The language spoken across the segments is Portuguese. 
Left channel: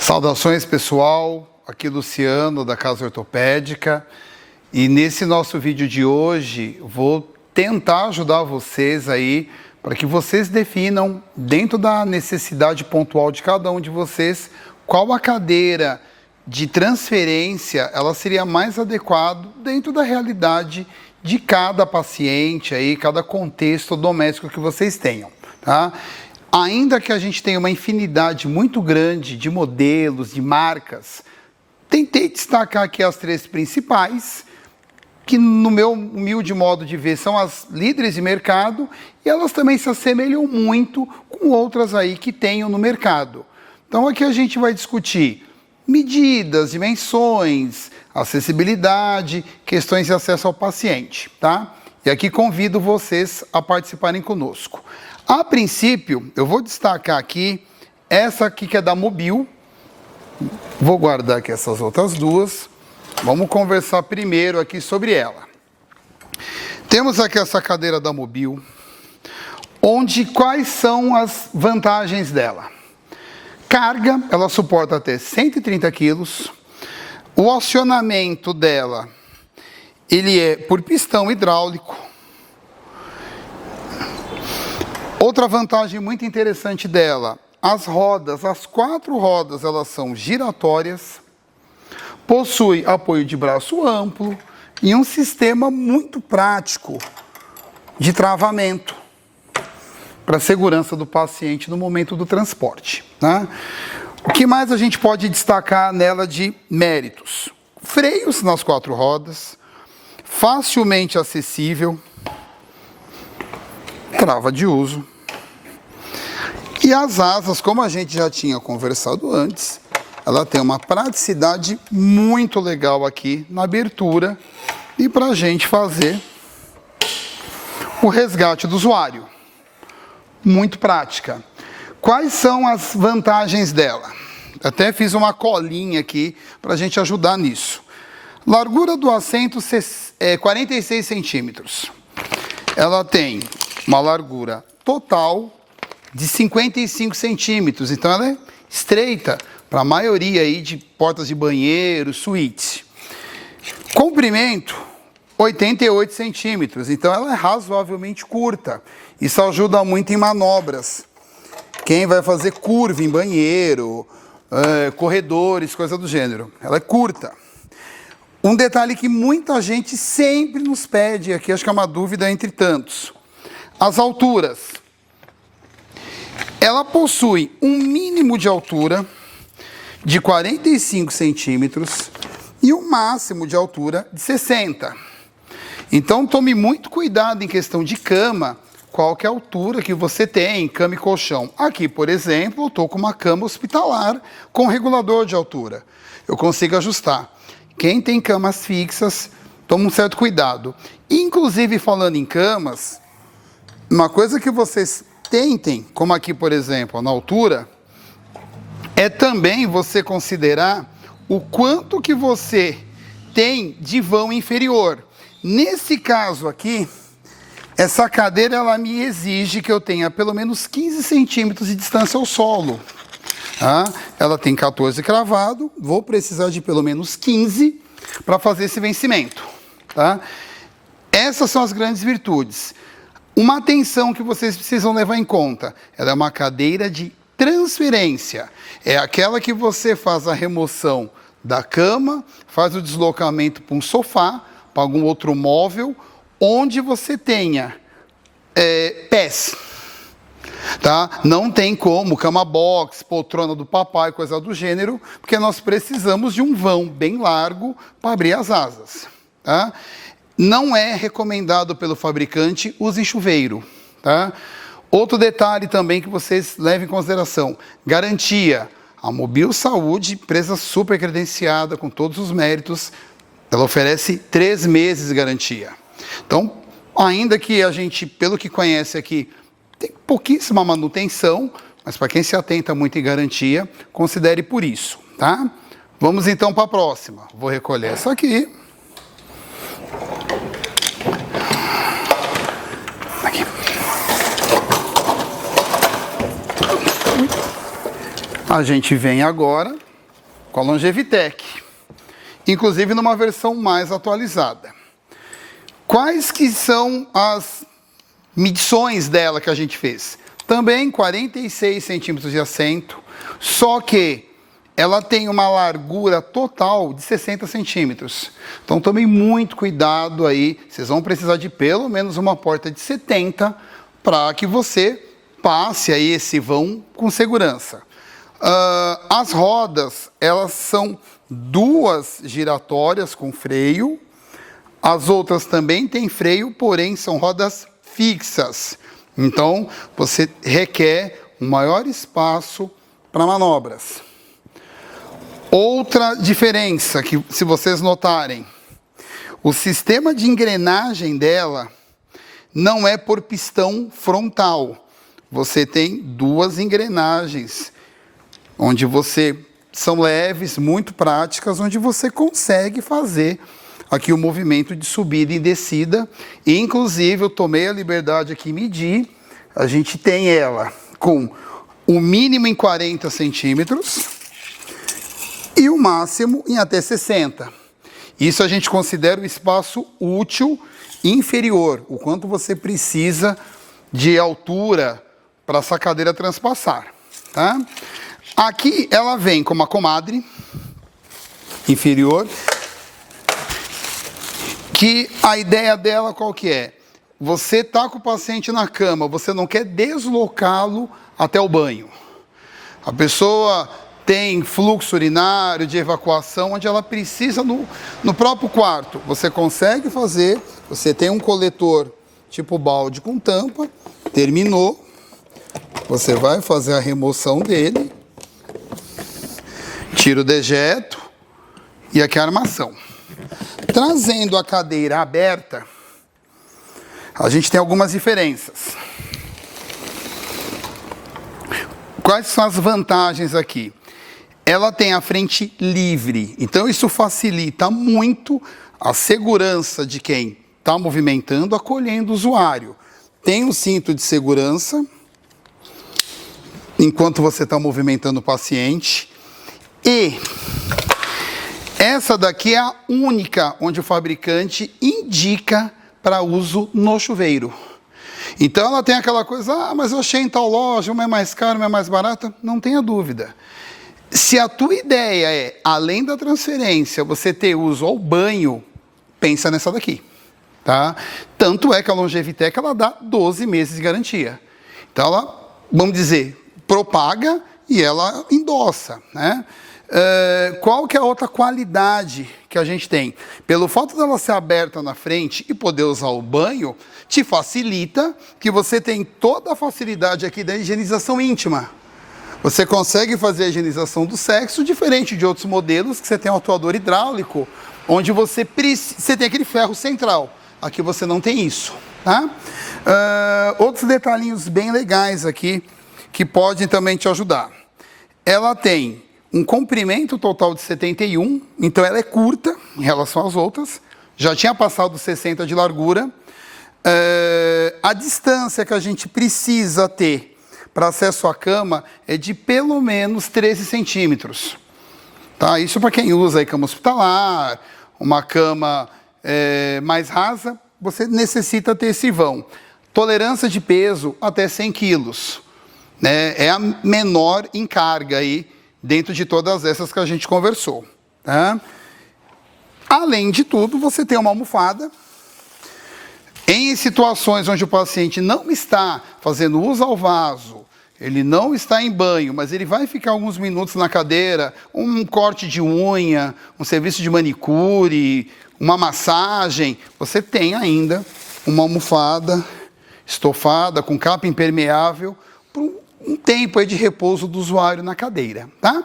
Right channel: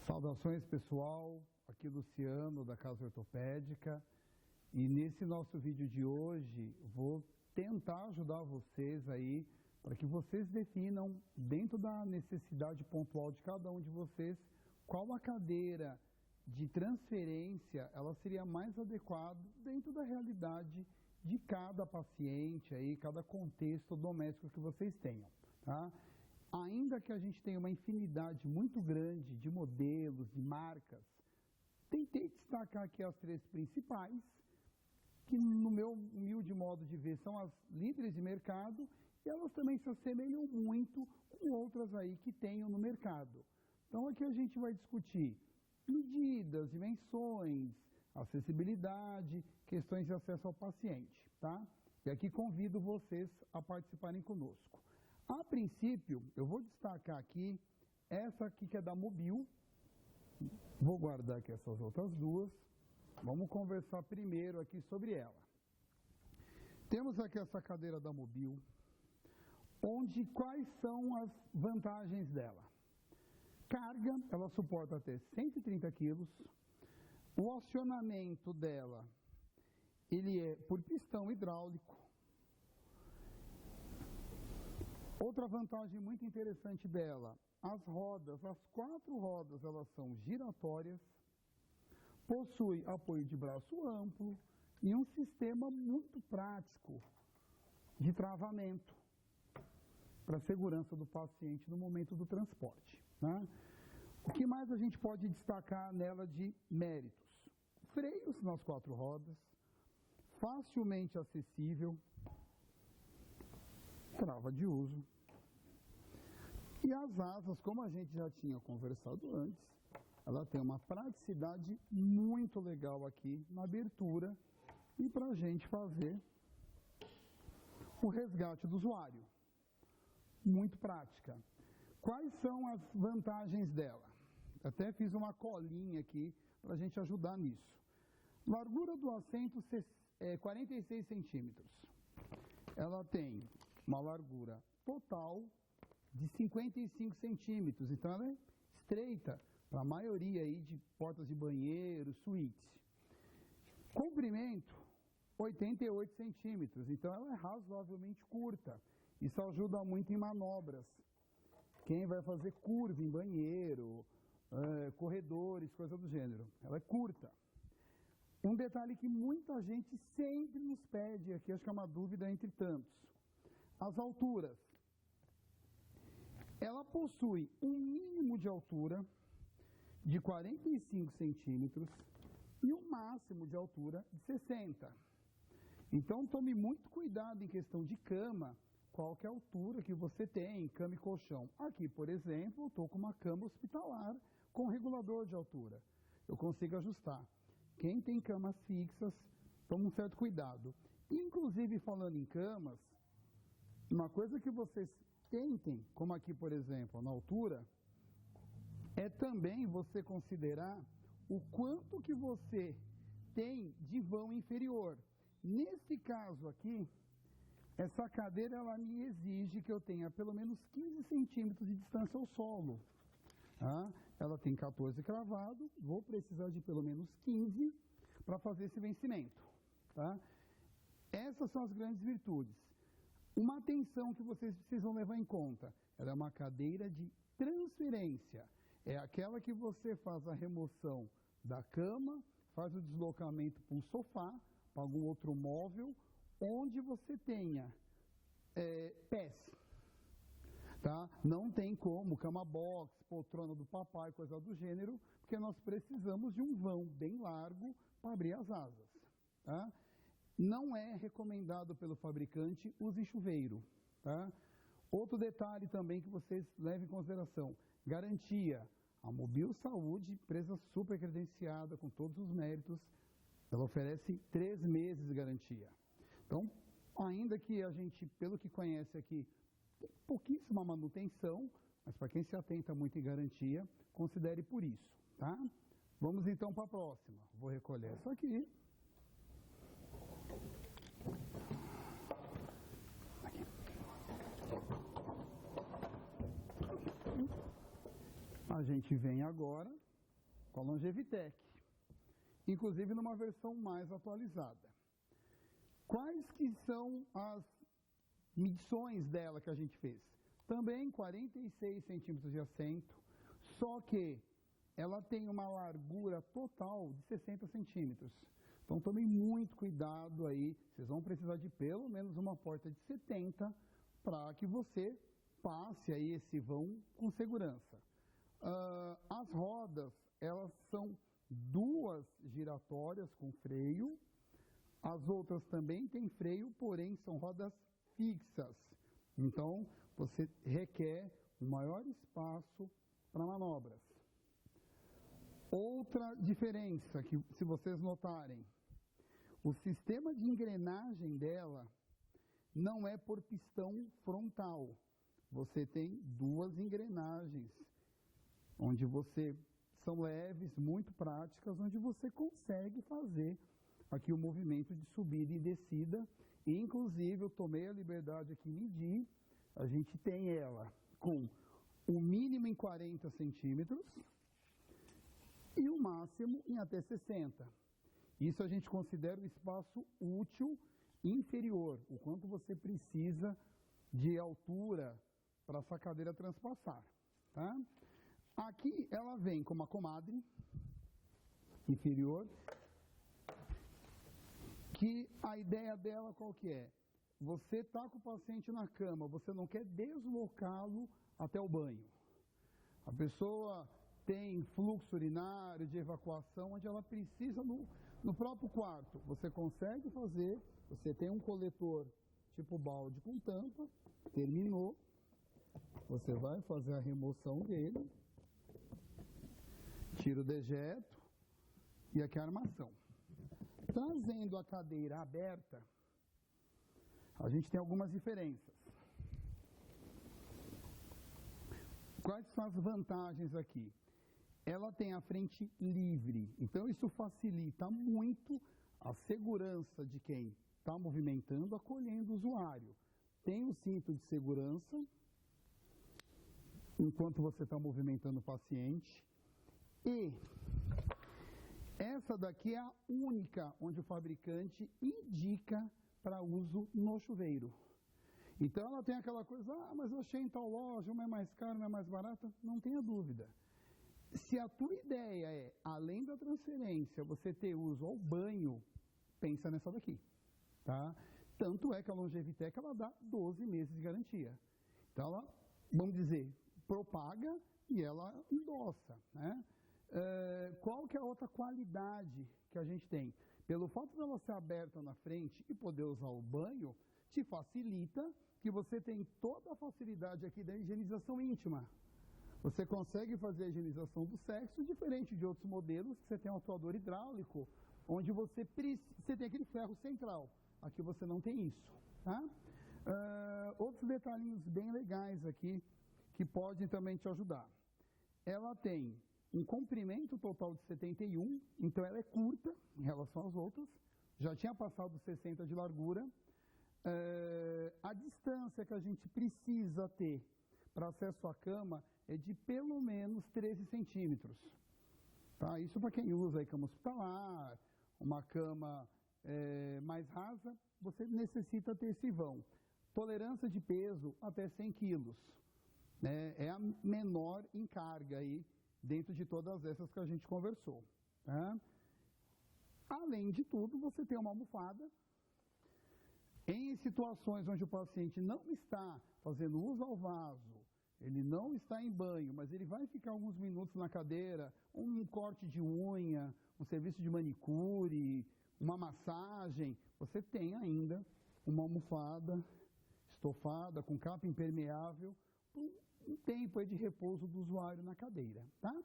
Saudações, pessoal, aqui Luciano da Casa Ortopédica, e nesse nosso vídeo de hoje vou tentar ajudar vocês aí para que vocês definam, dentro da necessidade pontual de cada um de vocês, qual a cadeira de transferência ela seria mais adequada dentro da realidade de cada paciente aí, cada contexto doméstico que vocês tenham, tá? Ainda que a gente tenha uma infinidade muito grande de modelos, de marcas, tentei destacar aqui as três principais, que no meu humilde modo de ver são as líderes de mercado e elas também se assemelham muito com outras aí que tenham no mercado. Então aqui a gente vai discutir medidas, dimensões, acessibilidade, questões de acesso ao paciente, tá? E aqui convido vocês a participarem conosco. A princípio, eu vou destacar aqui essa aqui que é da Mobil. Vou guardar aqui essas outras duas. Vamos conversar primeiro aqui sobre ela. Temos aqui essa cadeira da Mobil, onde quais são as vantagens dela? Carga, ela suporta até 130 quilos. O acionamento dela, ele é por pistão hidráulico. Outra vantagem muito interessante dela, as rodas, as 4 rodas, elas são giratórias, possui apoio de braço amplo e um sistema muito prático de travamento para a segurança do paciente no momento do transporte, né? O que mais a gente pode destacar nela de méritos? Freios nas 4 rodas, facilmente acessível, trava de uso. E as asas, como a gente já tinha conversado antes, ela tem uma praticidade muito legal aqui na abertura e para a gente fazer o resgate do usuário. Muito prática. Quais são as vantagens dela? Até fiz uma colinha aqui para a gente ajudar nisso. Largura do assento é 46 centímetros. Ela tem uma largura total de 55 centímetros, então ela é estreita para a maioria aí de portas de banheiro, suíte. Comprimento, 88 centímetros, então ela é razoavelmente curta. Isso ajuda muito em manobras. Quem vai fazer curva em banheiro, corredores, coisa do gênero, ela é curta. Um detalhe que muita gente sempre nos pede, aqui acho que é uma dúvida entre tantos. As alturas. Ela possui um mínimo de altura de 45 centímetros e um máximo de altura de 60. Então, tome muito cuidado em questão de cama, qual que é a altura que você tem, cama e colchão. Aqui, por exemplo, eu estou com uma cama hospitalar com regulador de altura. Eu consigo ajustar. Quem tem camas fixas, toma um certo cuidado. Inclusive, falando em camas, uma coisa que vocês tentem, como aqui, por exemplo, na altura, é também você considerar o quanto que você tem de vão inferior. Nesse caso aqui, essa cadeira ela me exige que eu tenha pelo menos 15 centímetros de distância ao solo. Tá? Ela tem 14 cravado, vou precisar de pelo menos 15 para fazer esse vencimento. Tá? Essas são as grandes virtudes. Uma atenção que vocês precisam levar em conta, ela é uma cadeira de transferência. É aquela que você faz a remoção da cama, faz o deslocamento para um sofá, para algum outro móvel, onde você tenha pés. Tá? Não tem como, cama box, poltrona do papai, coisa do gênero, porque nós precisamos de um vão bem largo para abrir as asas. Tá? Não é recomendado pelo fabricante, use chuveiro. Tá? Outro detalhe também que vocês levem em consideração, garantia. A Mobil Saúde, empresa super credenciada, com todos os méritos, ela oferece 3 meses de garantia. Então, ainda que a gente, pelo que conhece aqui, tem pouquíssima manutenção, mas para quem se atenta muito em garantia, considere por isso, tá? Vamos então para a próxima. Vou recolher essa aqui. Aqui. A gente vem agora com a Longevitec, inclusive numa versão mais atualizada. Quais que são as medições dela que a gente fez? Também 46 centímetros de assento, só que ela tem uma largura total de 60 centímetros. Então, tomem muito cuidado aí. Vocês vão precisar de pelo menos uma porta de 70 para que você passe aí esse vão com segurança. As rodas, elas são duas giratórias com freio. As outras também têm freio, porém são rodas fixas. Então, você requer um maior espaço para manobras. Outra diferença que, se vocês notarem, o sistema de engrenagem dela não é por pistão frontal. Você tem duas engrenagens, onde são leves, muito práticas, onde você consegue fazer aqui o movimento de subida e descida. E, inclusive, eu tomei a liberdade aqui de medir. A gente tem ela com o mínimo em 40 centímetros e o máximo em até 60. Isso a gente considera o espaço útil inferior, o quanto você precisa de altura para essa cadeira transpassar. Tá? Aqui ela vem com uma comadre inferior, que a ideia dela qual que é? Você está com o paciente na cama, você não quer deslocá-lo até o banho. A pessoa tem fluxo urinário, de evacuação, onde ela precisa no próprio quarto. Você consegue fazer, você tem um coletor tipo balde com tampa, terminou, você vai fazer a remoção dele, tira o dejeto e aqui a armação. Trazendo a cadeira aberta, a gente tem algumas diferenças. Quais são as vantagens aqui? Ela tem a frente livre, então isso facilita muito a segurança de quem está movimentando, acolhendo o usuário. Tem um cinto de segurança, enquanto você está movimentando o paciente. E essa daqui é a única onde o fabricante indica para uso no chuveiro. Então ela tem aquela coisa, mas eu achei em tal loja, uma é mais cara, uma é mais barata. Não tenha dúvida. Se a tua ideia é, além da transferência, você ter uso ao banho, pensa nessa daqui. Tá? Tanto é que a Longevitec ela dá 12 meses de garantia. Então ela, vamos dizer, propaga e ela endossa, né? Qual que é a outra qualidade que a gente tem? Pelo fato dela ser aberta na frente e poder usar o banho, te facilita que você tem toda a facilidade aqui da higienização íntima. Você consegue fazer a higienização do sexo, diferente de outros modelos que você tem um atuador hidráulico, onde você tem aquele ferro central. Aqui você não tem isso. Tá? Outros detalhinhos bem legais aqui, que podem também te ajudar. Ela tem um comprimento total de 71, então ela é curta em relação às outras, já tinha passado 60 de largura. A distância que a gente precisa ter para acesso à cama é de pelo menos 13 centímetros. Tá? Isso para quem usa aí cama hospitalar, uma cama mais rasa, você necessita ter esse vão. Tolerância de peso até 100 quilos. Né? É a menor em carga aí, dentro de todas essas que a gente conversou. Tá? Além de tudo, você tem uma almofada. Em situações onde o paciente não está fazendo uso ao vaso, ele não está em banho, mas ele vai ficar alguns minutos na cadeira, um corte de unha, um serviço de manicure, uma massagem, você tem ainda uma almofada estofada com capa impermeável por um tempo aí de repouso do usuário na cadeira, tá?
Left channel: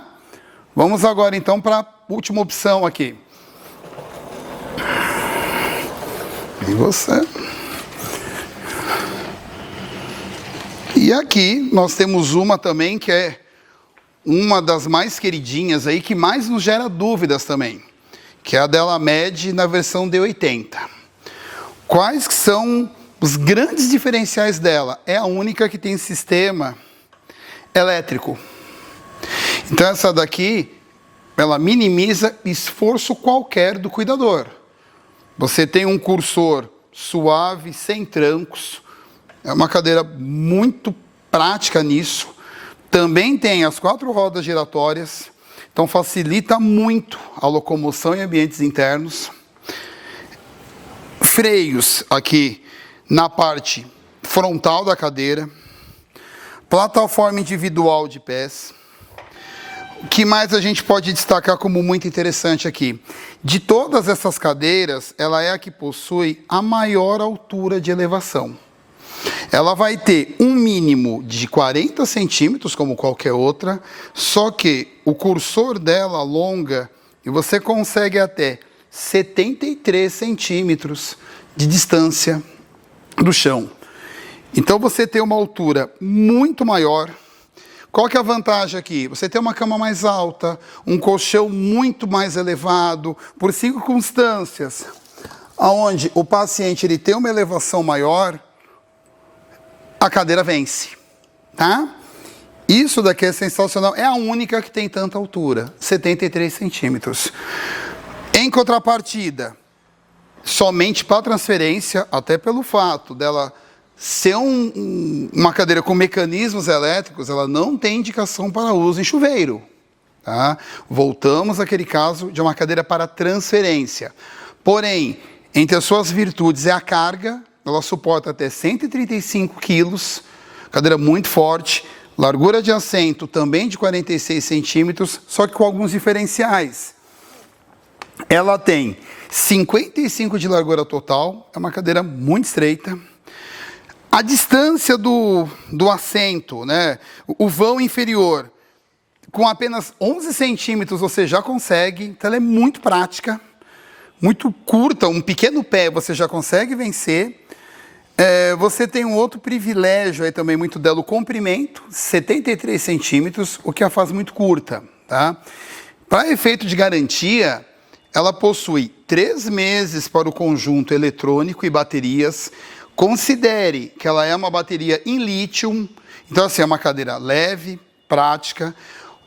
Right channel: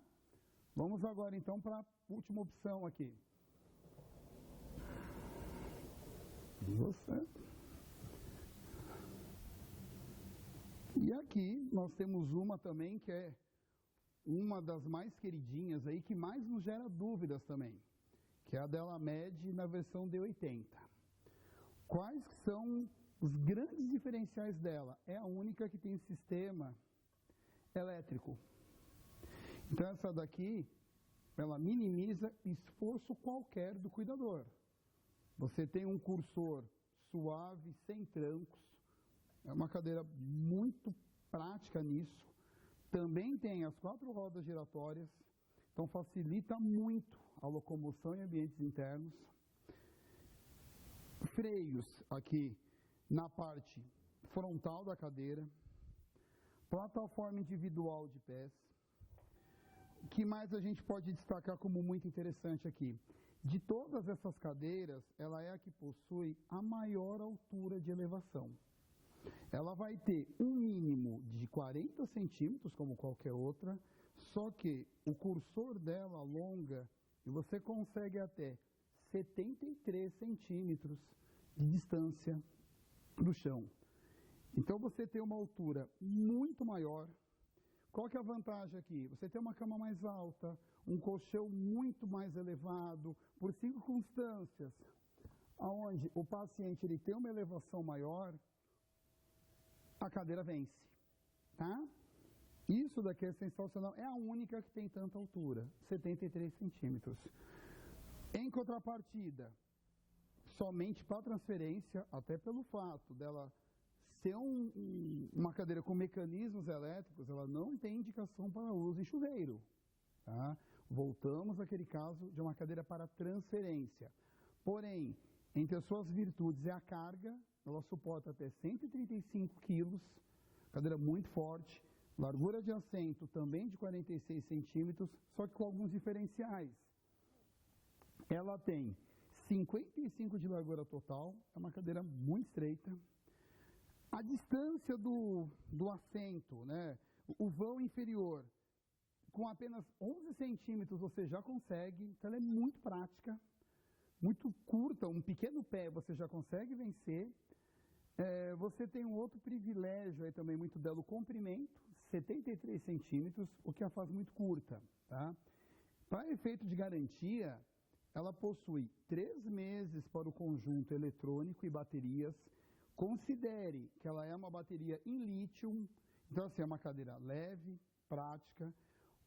Vamos agora então para a última opção aqui. E você? E aqui nós temos uma também que é uma das mais queridinhas aí, que mais nos gera dúvidas também, que é a Delamed na versão D80. Quais são os grandes diferenciais dela? É a única que tem sistema elétrico. Então essa daqui ela minimiza esforço qualquer do cuidador. Você tem um cursor suave, sem trancos, é uma cadeira muito prática nisso. Também tem as 4 rodas giratórias, então facilita muito a locomoção em ambientes internos. Freios aqui na parte frontal da cadeira. Plataforma individual de pés. O que mais a gente pode destacar como muito interessante aqui? De todas essas cadeiras, ela é a que possui a maior altura de elevação. Ela vai ter um mínimo de 40 centímetros, como qualquer outra, só que o cursor dela alonga e você consegue até 73 centímetros de distância do chão. Então, você tem uma altura muito maior. Qual que é a vantagem aqui? Você tem uma cama mais alta, um colchão muito mais elevado, por circunstâncias onde o paciente ele tem uma elevação maior, a cadeira vence, tá? Isso daqui é sensacional, é a única que tem tanta altura, 73 centímetros. Em contrapartida, somente para transferência, até pelo fato dela ser uma cadeira com mecanismos elétricos, ela não tem indicação para uso em chuveiro. Tá? Voltamos àquele caso de uma cadeira para transferência. Porém, entre as suas virtudes é a carga, ela suporta até 135 quilos, cadeira muito forte, largura de assento também de 46 centímetros, só que com alguns diferenciais. Ela tem 55 de largura total, é uma cadeira muito estreita. A distância do assento, né, o vão inferior, com apenas 11 centímetros você já consegue, então ela é muito prática, muito curta, um pequeno pé você já consegue vencer. Você tem um outro privilégio aí também muito dela, o comprimento, 73 centímetros, o que a faz muito curta. Tá? Para efeito de garantia, ela possui 3 meses para o conjunto eletrônico e baterias. Considere que ela é uma bateria em lítio, então assim, é uma cadeira leve, prática.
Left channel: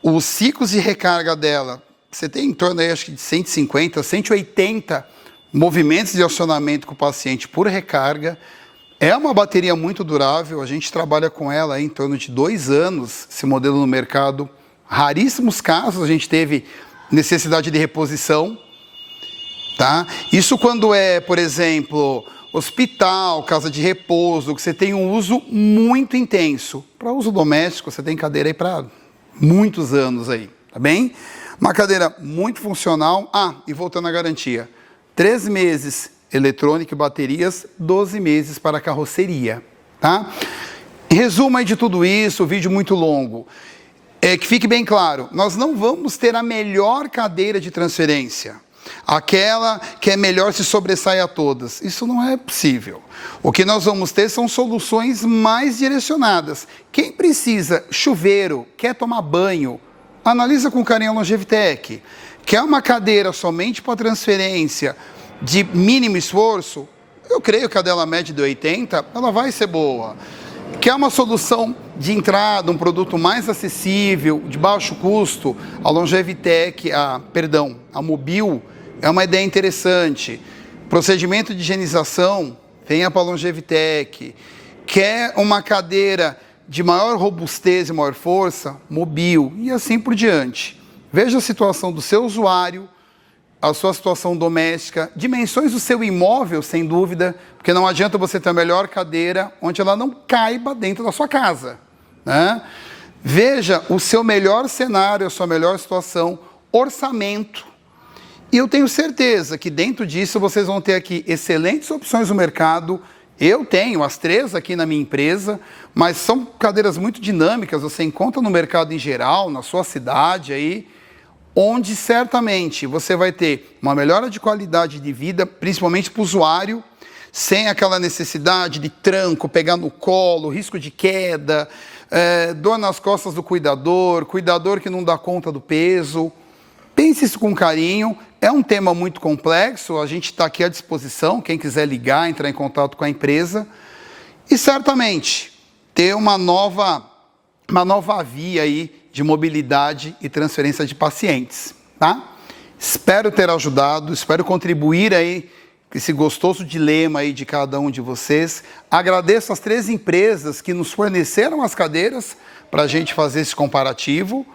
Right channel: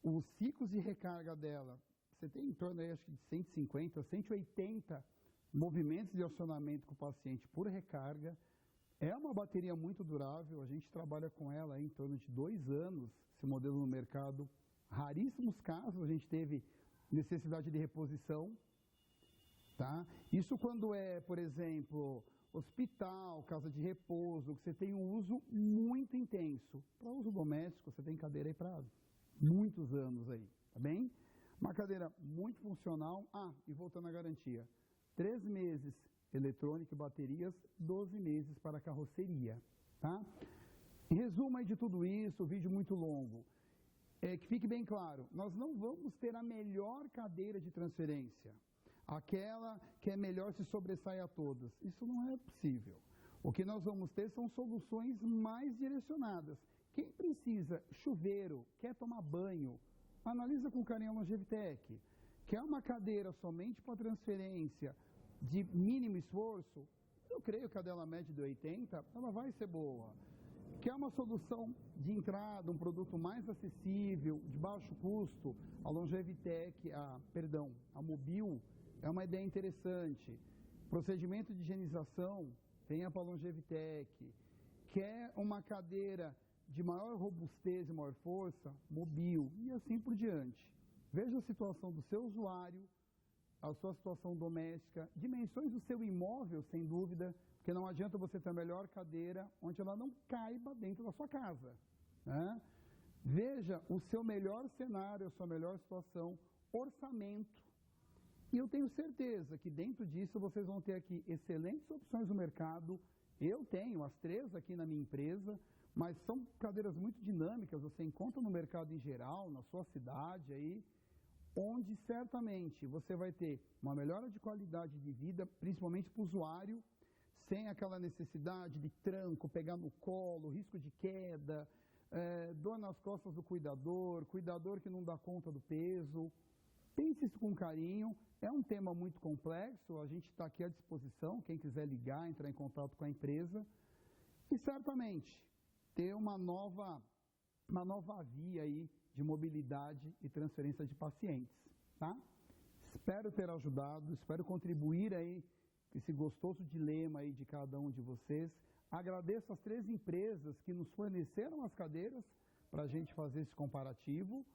Os ciclos de recarga dela, você tem em torno aí, acho que de 150, 180 movimentos de acionamento com o paciente por recarga. É uma bateria muito durável, a gente trabalha com ela aí em torno de 2 anos, esse modelo no mercado. Raríssimos casos a gente teve necessidade de reposição. Tá? Isso quando é, por exemplo, hospital, casa de repouso, que você tem um uso muito intenso. Para uso doméstico, você tem cadeira aí para muitos anos aí, tá bem? Uma cadeira muito funcional. E voltando à garantia, 3 meses eletrônica e baterias, 12 meses para carroceria, tá? Resumo aí de tudo isso, vídeo muito longo. Que fique bem claro, nós não vamos ter a melhor cadeira de transferência, aquela que é melhor se sobressai a todas. Isso não é possível. O que nós vamos ter são soluções mais direcionadas. Quem precisa chuveiro, quer tomar banho, analisa com carinho a Longevitec. Quer uma cadeira somente para transferência de mínimo esforço? Eu creio que a dela média de 80, ela vai ser boa. Quer uma solução de entrada, um produto mais acessível, de baixo custo? A Longevitec, a Mobil, é uma ideia interessante. Procedimento de higienização, venha para a Longevitec. Quer uma cadeira de maior robustez e maior força? Mobil, e assim por diante. Veja a situação do seu usuário, a sua situação doméstica, dimensões do seu imóvel, sem dúvida, porque não adianta você ter a melhor cadeira onde ela não caiba dentro da sua casa. Né? Veja o seu melhor cenário, a sua melhor situação, orçamento. E eu tenho certeza que dentro disso vocês vão ter aqui excelentes opções no mercado. Eu tenho as 3 aqui na minha empresa, mas são cadeiras muito dinâmicas, você encontra no mercado em geral, na sua cidade aí, onde certamente você vai ter uma melhora de qualidade de vida, principalmente para o usuário, sem aquela necessidade de tranco, pegar no colo, risco de queda, dor nas costas do cuidador que não dá conta do peso. Pense isso com carinho, é um tema muito complexo, a gente está aqui à disposição, quem quiser ligar, entrar em contato com a empresa, e certamente ter uma nova via aí de mobilidade e transferência de pacientes. tá? Espero ter ajudado, espero contribuir aí com esse gostoso dilema aí de cada um de vocês. Agradeço as 3 empresas que nos forneceram as cadeiras para a gente fazer esse comparativo.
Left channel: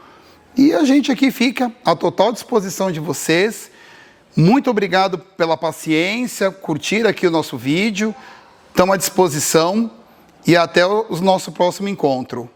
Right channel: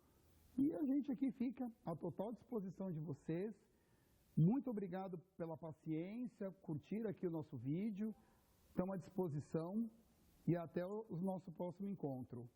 E a gente aqui fica à total disposição de vocês. Muito obrigado pela paciência, curtir aqui o nosso vídeo. Estamos à disposição e até o nosso próximo encontro.